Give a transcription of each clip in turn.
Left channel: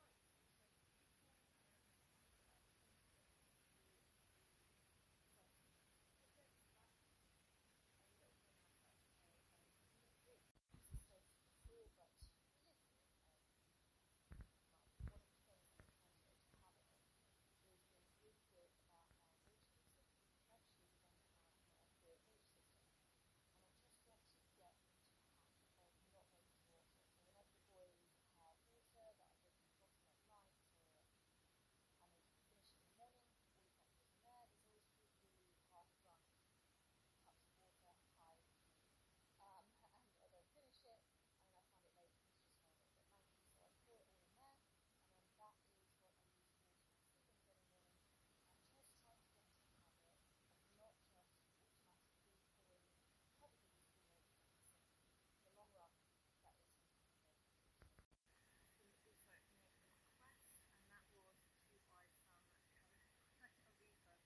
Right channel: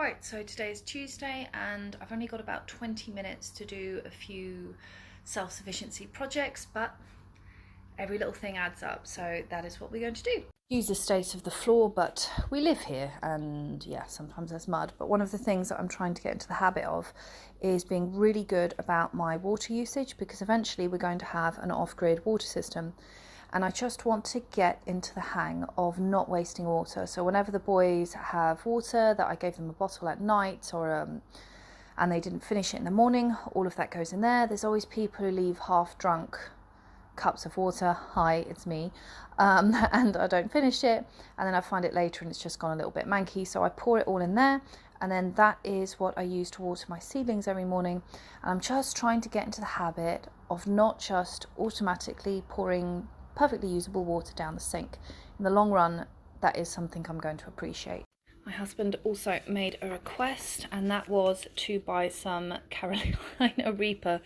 Right, so today is Tuesday and I've only got about 20 minutes to do a few self-sufficiency projects, but every little thing adds up, so that is what we're going to do. Use the state of the floor, but we live here and yeah, sometimes there's mud. But one of the things that I'm trying to get into the habit of is being really good about my water usage, because eventually we're going to have an off-grid water system. And I just want to get into the hang of not wasting water. So whenever the boys have water, that I gave them a bottle at night and they didn't finish it in the morning, all of that goes in there. There's always people who leave half drunk cups of water. Hi, it's me. And I don't finish it. And then I find it later and it's just gone a little bit manky. So I pour it all in there. And then that is what I use to water my seedlings every morning. And I'm just trying to get into the habit of not just automatically pouring perfectly usable water down the sink. In the long run, that is something I'm going to appreciate. My husband also made a request, and that was to buy some Carolina Reaper,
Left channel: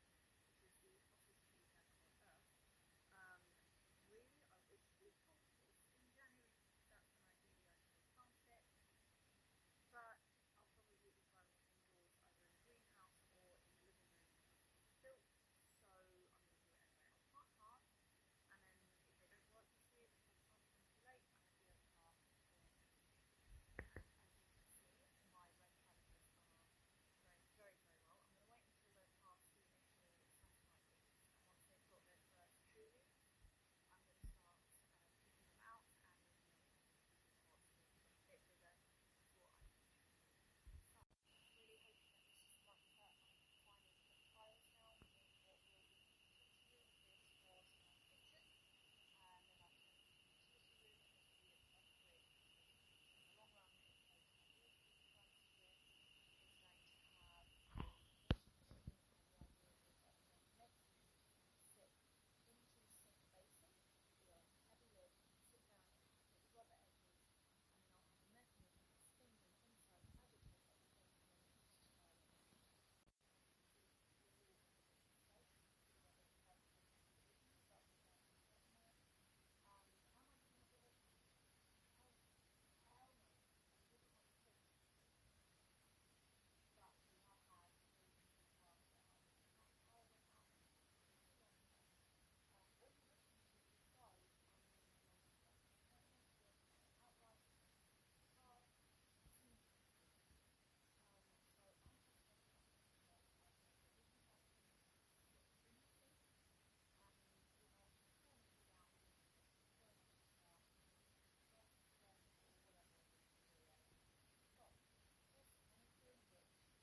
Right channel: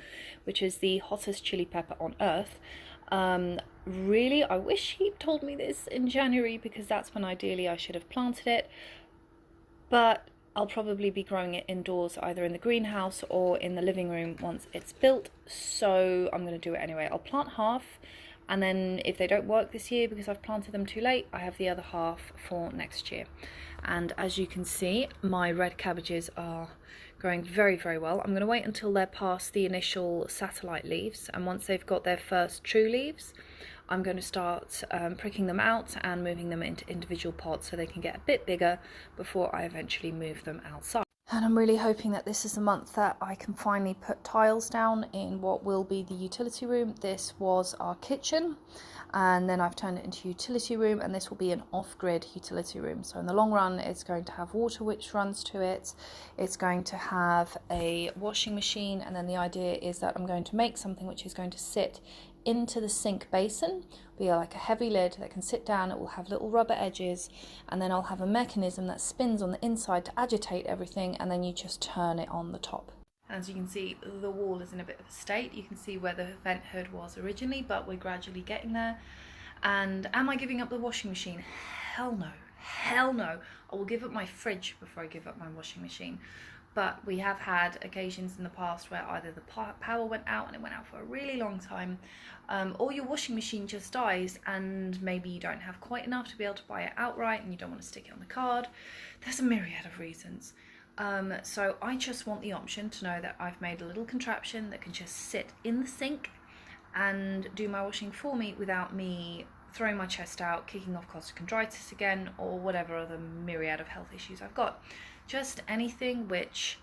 which is the hottest chili pepper on earth. Really, I wish he'd told me this in January, because that's when ideally I should have planted it. But I'll probably be growing it indoors, either in the greenhouse or in the living room once it's built. So I'm going to do it anyway. I'll plant half. And then if they don't work this year because I've planted them too late, I have the other half for next year. And as you can see, my red cabbages are growing very, very well. I'm going to wait until they're past the initial satellite leaves. And once they've got their first true leaves, I'm going to start pricking them out and moving them into individual pots so they can get a bit bigger before I eventually move them outside. And I'm really hoping that this is the month that I can finally put tiles down in what will be the utility room. This was our kitchen, and then I've turned it into utility room, and this will be an off-grid utility room. So in the long run, it's going to have water which runs to it. It's going to have a washing machine, and then the idea is that I'm going to make something which is going to sit into the sink basin, be like a heavy lid that can sit down. It will have little rubber edges, and then I'll have a mechanism that spins on the inside to agitate everything, and then you just turn it on the top. As you can see, the wall is in a bit of a state. You can see where the vent hood was originally, but we're gradually getting there. And am I giving up the washing machine? Hell no. Hell no. I will give up my fridge before I give up my washing machine. But we have had occasions in the past where either the power went out and it went out for a really long time, or your washing machine just dies and maybe you don't have quite enough to be able to buy it outright and you don't want to stick it on the card. There's a myriad of reasons. So I just want the option to know that I've made a little contraption that can just sit in the sink and do my washing for me without me throwing my chest out, kicking off costochondritis again, or whatever other myriad of health issues I've got. Just anything which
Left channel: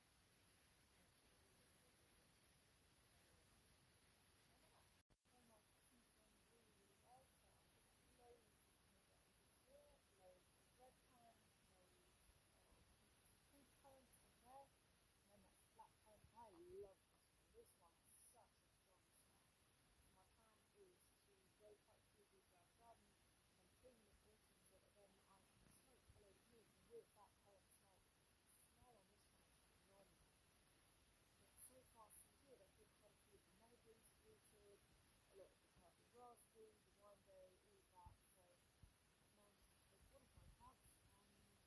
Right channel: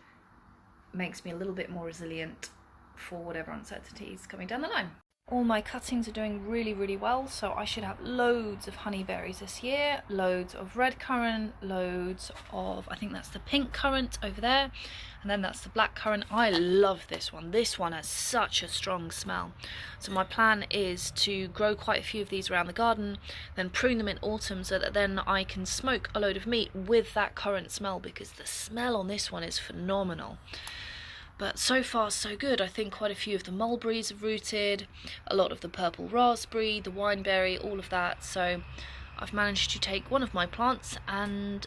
makes me a little bit more resilient for whatever uncertainties coming down the line. All my cuttings are doing really, really well, so I should have loads of honeyberries this year, loads of red currant, loads of, I think that's the pink currant over there, and then that's the black currant. I love this one. This one has such a strong smell. So my plan is to grow quite a few of these around the garden, then prune them in autumn so that then I can smoke a load of meat with that currant smell, because the smell on this one is phenomenal. But so far so good. I think quite a few of the mulberries have rooted, a lot of the purple raspberry, the wineberry, all of that. So I've managed to take one of my plants and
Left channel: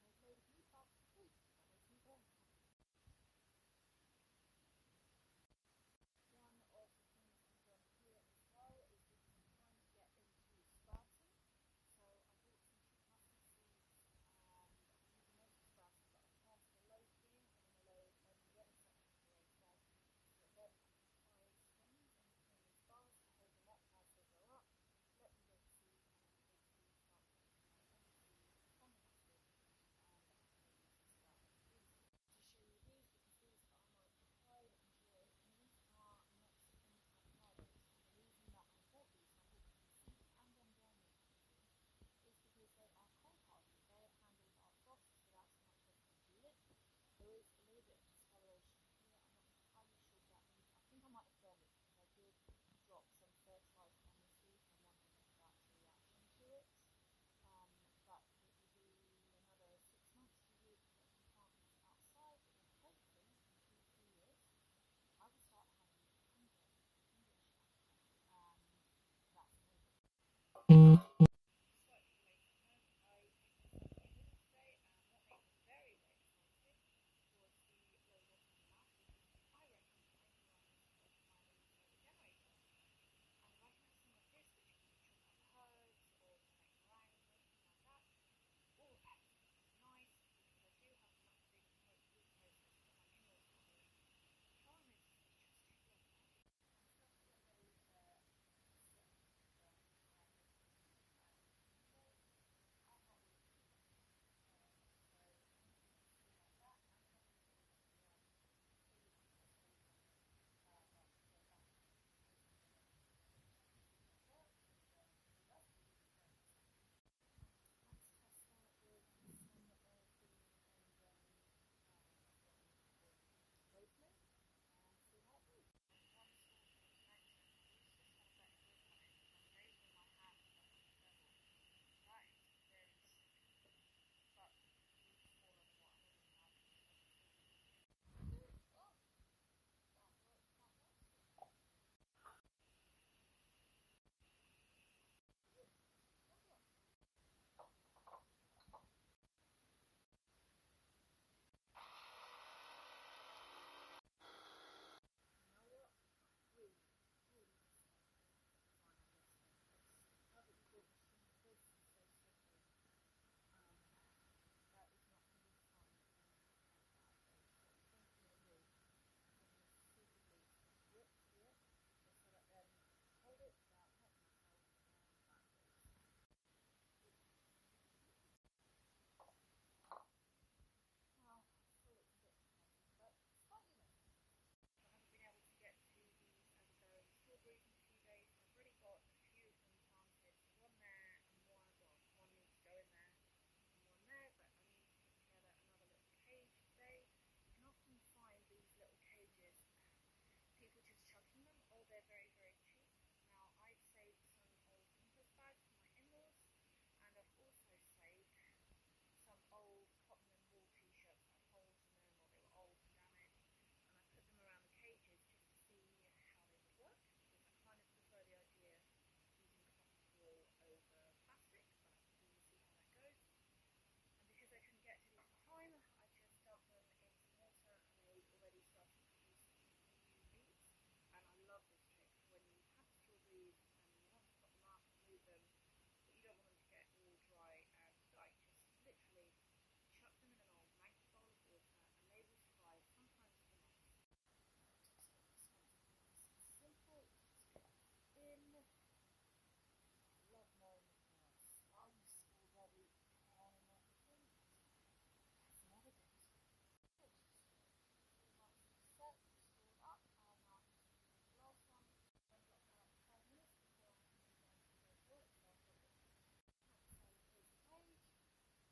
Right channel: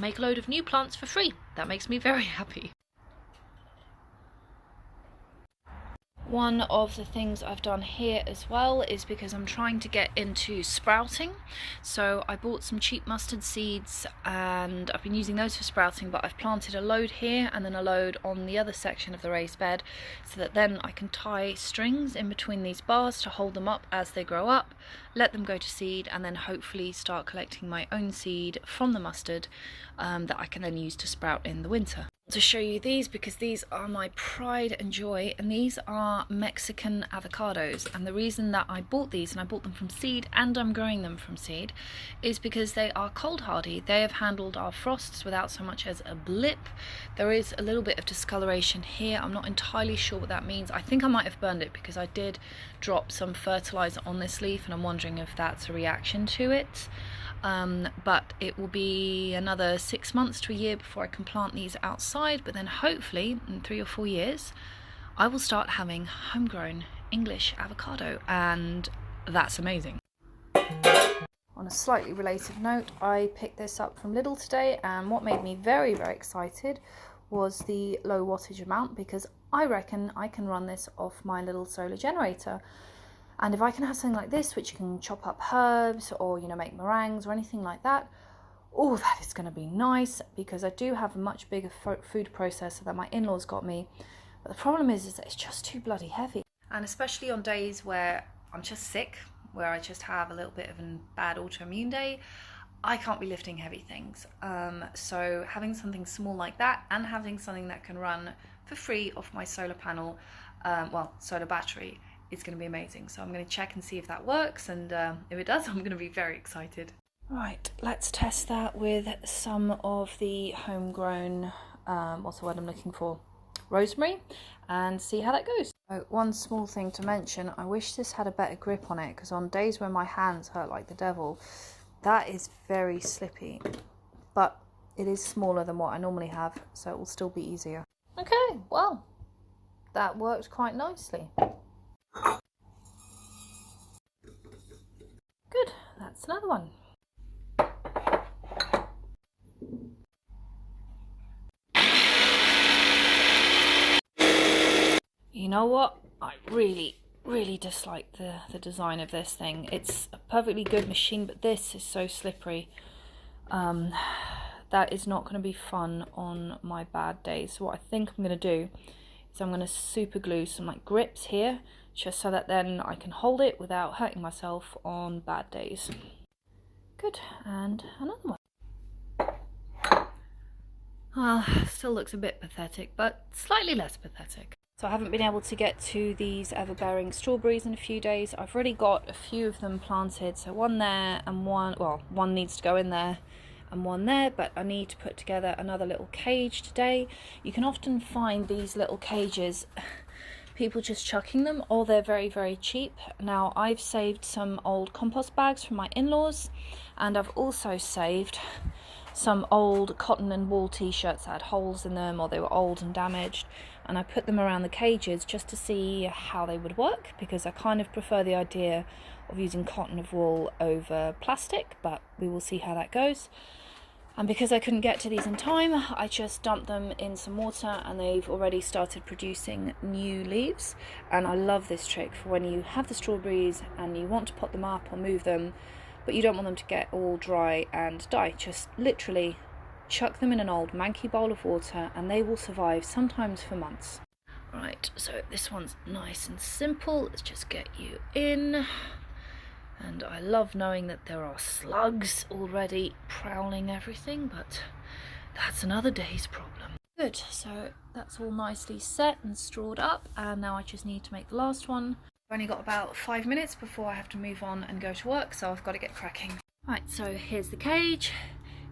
make a load of new plants for free. That makes me very happy. One of the things I've done here as well is because I'm trying to get into sprouting. So I bought some cheap mustard seeds and I've been using those for sprouting, but I've planted a load here and then a load on the other section of the raised bed, so that then I can tie strings in between these bars to hold them up as they grow up, let them go to seed, and then hopefully start collecting my own seed from the mustard that I can then use to sprout in the winter. To show you these, because these are my pride and joy, and these are Mexican avocados, and the reason that I bought these, and I bought them from seed and I'm growing them from seed, is because they are cold hardy. They have handled our frosts without so much as a blip. There is a little bit of discoloration here. I'm not entirely sure what that means. I think I might have burned it because I did drop some fertilizer on this leaf, and I'm wondering if that's a reaction to it. But it will be another 6 months to a year before I can plant these outside, but then hopefully in 3 or 4 years I will start having homegrown English avocado, and that's amazing. on a slightly related note, I picked this up from Lidl today, and what made me very, very excited was the low wattage amount, because I reckon I can run this off my little solar generator. And if I can have something like this, which can chop up herbs or, you know, make meringues or anything like that, oh, that is going to be nice, because I do have a much bigger food processor that my in-laws got me. But the problem is that it's just too bloody heavy. And especially on days where I'm just sick, where I just have a little bit of a bad autoimmune day, I can't be lifting heavy things. So having something small like that, and having something that can run for free off my solar panel, solar battery, is going to be amazing. So I'm going to check and see if that works, and if it does, I'm going to be very excited. Right, let's test that with some of the homegrown, what's the word I'm looking for? Rosemary, and see how that goes. Oh, one small thing to mention, I wish this had a better grip on it, because on days when my hands hurt like the devil, that is very slippy. But it is smaller than what I normally have, so it will still be easier. Okay, well, that works quite nicely. Good, that's another one. You know what? I really dislike the design of this thing. It's a perfectly good machine, but this is so slippery. That is not going to be fun on my bad days. So what I think I'm going to do is I'm going to super glue some like grips here, just so that then I can hold it without hurting myself on bad days. Good, and another one. Still looks a bit pathetic, but slightly less pathetic. So I haven't been able to get to these ever-bearing strawberries in a few days. I've already got a few of them planted, so one there and one needs to go in there and one there, but I need to put together another little cage today. You can often find these little cages, people just chucking them, or they're very, very cheap. Now, I've saved some old compost bags from my in-laws, and I've also saved some old cotton and wool t-shirts that had holes in them, or they were old and damaged, and I put them around the cages just to see how they would work, because I kind of prefer the idea of using cotton of wool over plastic, but we will see how that goes. And because I couldn't get to these in time, I just dumped them in some water, and they've already started producing new leaves. And I love this trick for when you have the strawberries and you want to pot them up or move them, but you don't want them to get all dry and die. Just literally chuck them in an old manky bowl of water, and they will survive, sometimes for months. Right, so this one's nice and simple. Let's just get you in. And I love knowing that there are slugs already prowling everything, but that's another day's problem. Good, so that's all nicely set and strawed up, and now I just need to make the last one. I've only got about 5 minutes before I have to move on and go to work, so I've got to get cracking. Right, so here's the cage.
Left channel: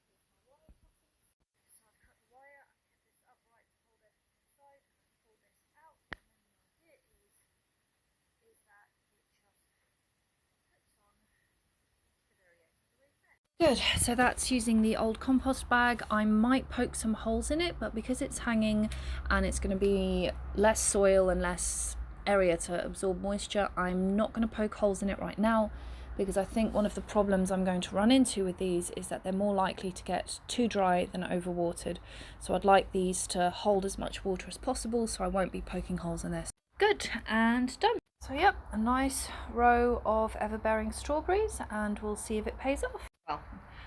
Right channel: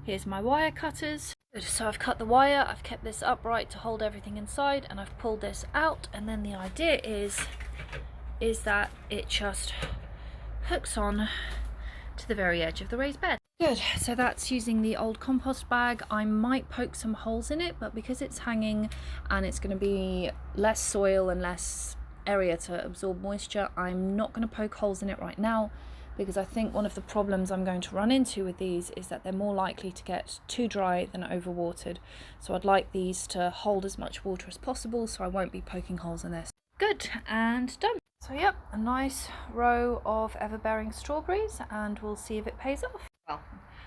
Here's my wire cutters. Good, so I've cut the wire, I've kept this upright to hold everything inside, and I've pulled this out, and then the idea is that it just hooks on to the very edge of the raised bed. Good, so that's using the old compost bag. I might poke some holes in it, but because it's hanging and it's going to be less soil and less area to absorb moisture, I'm not going to poke holes in it right now, because I think one of the problems I'm going to run into with these is that they're more likely to get too dry than overwatered. So I'd like these to hold as much water as possible, so I won't be poking holes in this. Good, and done. So yep, a nice row of ever-bearing strawberries, and we'll see if it pays off. Well,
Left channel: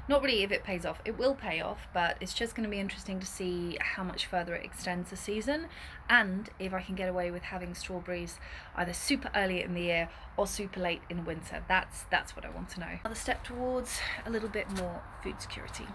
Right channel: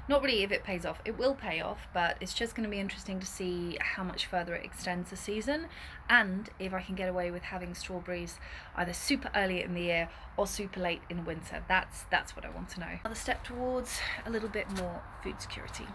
not really if it pays off. It will pay off, but it's just going to be interesting to see how much further it extends the season, and if I can get away with having strawberries either super early in the year or super late in winter. That's what I want to know. Another step towards a little bit more food security.